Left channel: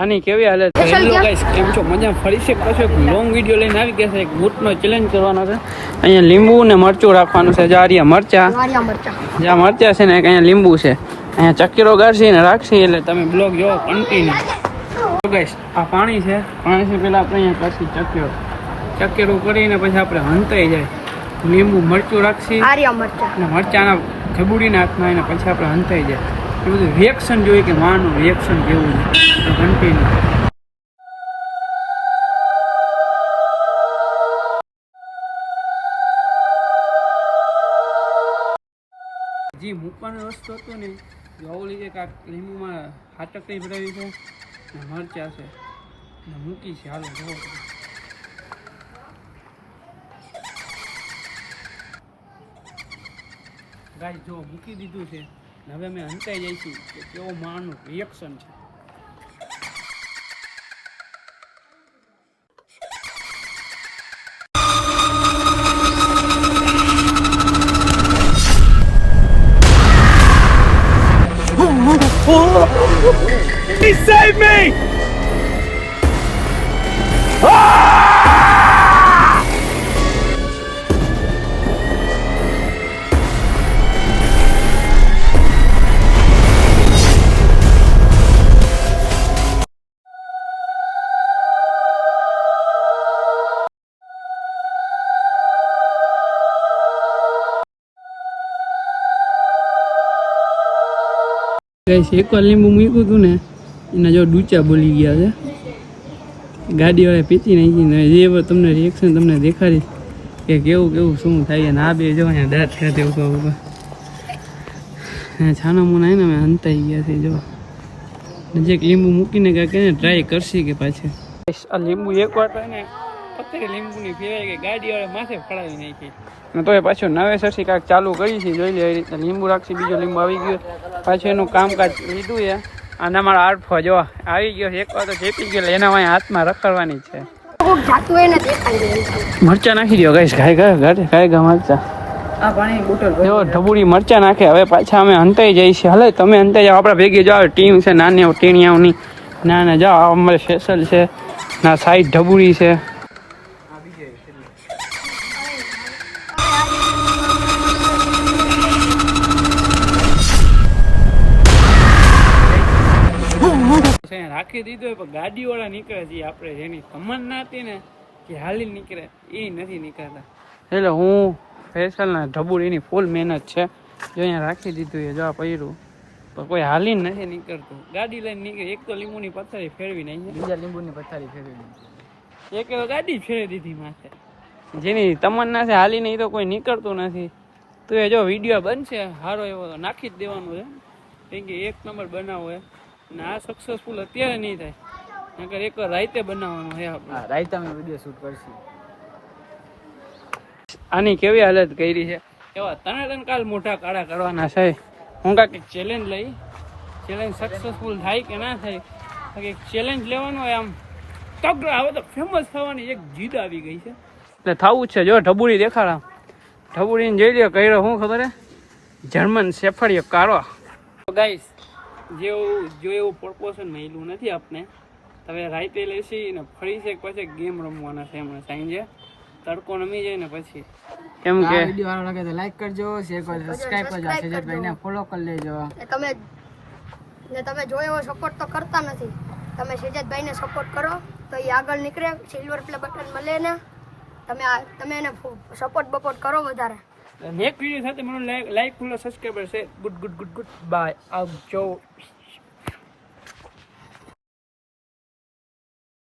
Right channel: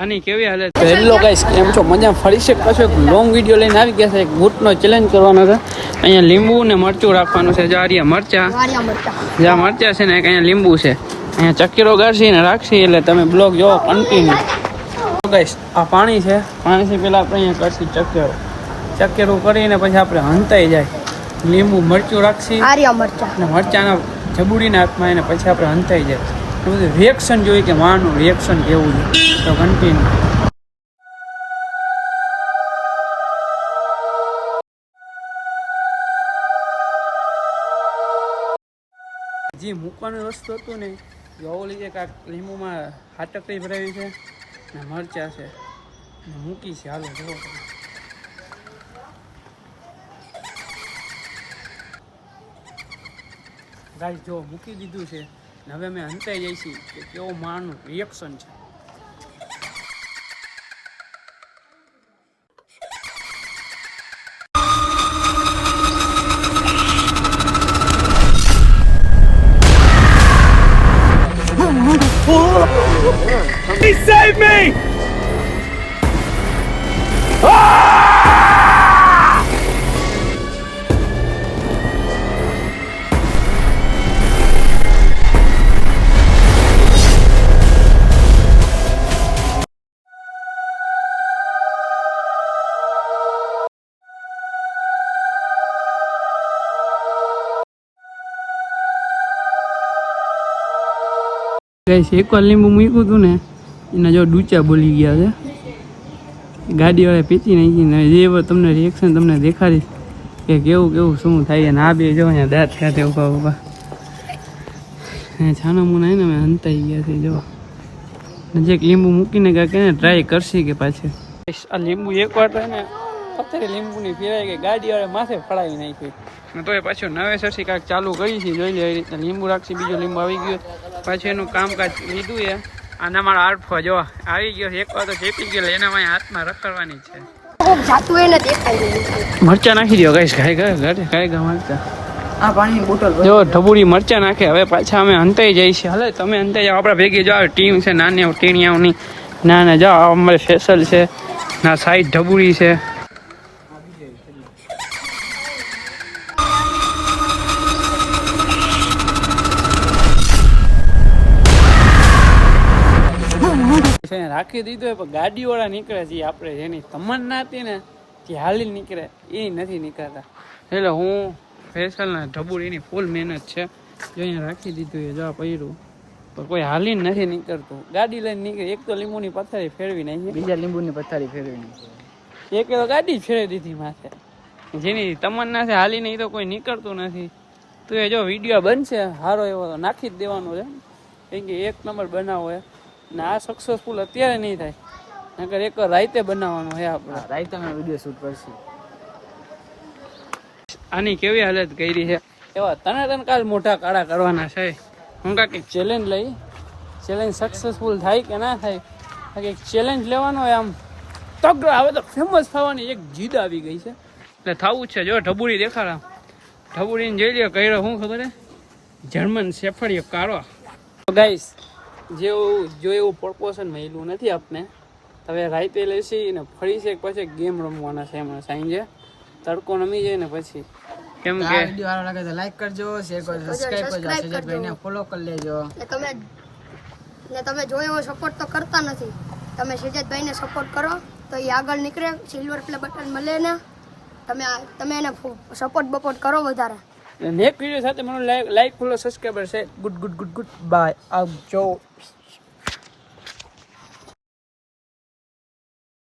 આની કેવી હાલત. હેલો ગાઈસ, કેમ છો? મજા ફરી છે પાછો એક લોંગ વિડીયો લઈને આવી ગયા છે. એક બૂટનો ચેલેન્જ કરવાનો છે. અહીંયા લીંબુ ને મરચું રાખવાનું છે. જારિયા મરચા, જ્યાં મરચા છે ને અહીંયા લીંબુ છે. અહીંયા ચક્કીરો ગાળશી ને રાખશી એટલે તમે બ્લોગ જોવો કન્ટિન્યુ. ગાઈસ આ પાણી છે. પાણીથી પહેલાં આપણે અહીંયા કરશી ચક્કેરું કરીને પછી આપણે હંતાઈ જાય. લીંબુ મરચું રાખશી ને મરચાના ઝબુડીને હાથમાં એને પછી આપણે હંતાઈ જાય. એ બધું રિએક્શન જોઈએ કે માનું રિએક્શન કેવું છે. તો કન્ટિન્યુ. જે મૂકવાની વસ્તુ હતું ને જોવું લીધે કાંક લીંબુમાં હાટકડી ભરાવી છે ને મરચા છે ને મૂકી છે. હાલો જોવો ગાઈસ, જો મૂકી દીધું છે ને હવે અમે હંતાઈ જઈશું કે કેવો માનું રિએક્શન છે. He saved me! એકવાર લીંબુ મૂક્યું હતું ને એના જો ડૂચા બોલી ગયા છે. ગાડીવાળા પીચી નાખીને જે તમને રિએક્શન તમને દેખાડી કે કેવું કેવું શું થાય. ના બે જો અહીંયા દાંત ખાતે ઉભા ઉભા છાના મોના ને અમે હંતાઈ ગયા છે. જો નજીક લીંબુ મૂકીને કાંઈક એને ટ્રાય કરશી કે પાછી આ લીંબુ એકવાર તો ને પથ્થરે લીંબુની ફેરાય કે ગાડીવાળા માથે ફળાવી નાખી તો એ પાછું નવેસરથી કાંઈક ચાલુ કરી છે. જોઈ લે એ રીતના લીંબુ રાખશે. બીજો લીંબુ આવી ગયો પાછું એનું કામકાજ લીધું છે. અને અમારો આર્ટફો જો આવી ગયો. એક વાર તો ચેપી ગયો એના હાથમાં રખડવાની છે. મરચા નાખી દો ગાઈસ. ખાય મરચા આ પાણી બોટલ જો ઢબુડી મરચા નાખે. હવે પાછા અમે હંતાઈ જઈએ છીએ. હલે તમે હંતાઈ જાઓ. આપણા ભેગી જાઓ ટીમ છે નાની ટીણિયાઓની. ના જાઓ અમારે સ્પેશલ છે ના સાઈડ ઢબુડી છે. રાખી દીધો પણ ગાડીવાળા નીકળે છે. આપણે જેની તમન્ના હતી ને જે હાલી નીકળે એ નથી નીકળતા. એટલે હું ફેશલના ઢબુડીની ફૂલ મહેનત છે. જો અહીંયા રાખી દીધું એ જો પહેર્યું પણ કોઈ હાલીને નથી નીકળતું. ગાડી લઈને નીકળે. એક તો લીંબુની પથારી ફેરવી નાખી, બીજા લીંબુની પથારી ફેરવી નાખી, એક ગાડી જ ફેરવી દીધી માથે. જેની તમન્ના છે હાલીને એ તો કોઈ નીકળતું નથી. તો એ જો વિડીયો બનશે સારો એવો તો નાખી જ દેવાનો છે. કેમ કે એક નંબર બનાવો એ ને આ સક્સેસફુલ અત્યારે નહીં થાય. નકર એક રાઈતે બનાવવાનું છે. આપણે રાઈતામાં વિડીયો શૂટ કરશું. આની કેવી હાલત કરી છે. એવા ત્રણ કાલ મોટા કાળા કરવાના છે. હું કાંઈક ચેલેન્જ લઈ. ચેલેન્જ સક્સેસફુલ થાય કે ના થાય. એક ચેલેન્જ લેવાનો હોય. આમ તગડો હવે તો ફેમસ થવાની એક જીદ આવી ગઈ છે એટલે થવું જ છે. જો ઢબુડી દેખાડા. ઢબુડીને જોઈ લ્યો કર્યો શું ખબર હે? જર્મન શેફર્ડ કારો. ગાઈસ જેવું જો એવું પ્રપોઝન મળ્યું નથી આપને. હવે રાઈતે લેશી ને ફરી છે પછી ગેમ રમવાના છે. હમણાં સાંજે તડકો નમી જાય ને પછી. કેમ કે વિડિયો સારો લાગે તો લાઈક કરજો, શેર કરજો, સબસ્ક્રાઇબ કરજો, સેજભાઈને ફોલો કરી લેજો. તમે જો એવો સપોર્ટ તો કરતા નથી. તમે સેજભાઈને સપોર્ટ કરો તો એ આગળ નીકળે. સિલ્વર પ્લે બટન મળે ને તમે એને સપોર્ટ કરો વધારે. નેક્સ્ટ વિડીયો સાથે મને લાઈક ફોલો સબસ્ક્રાઇબર છે. ગુડ બાય આવજો.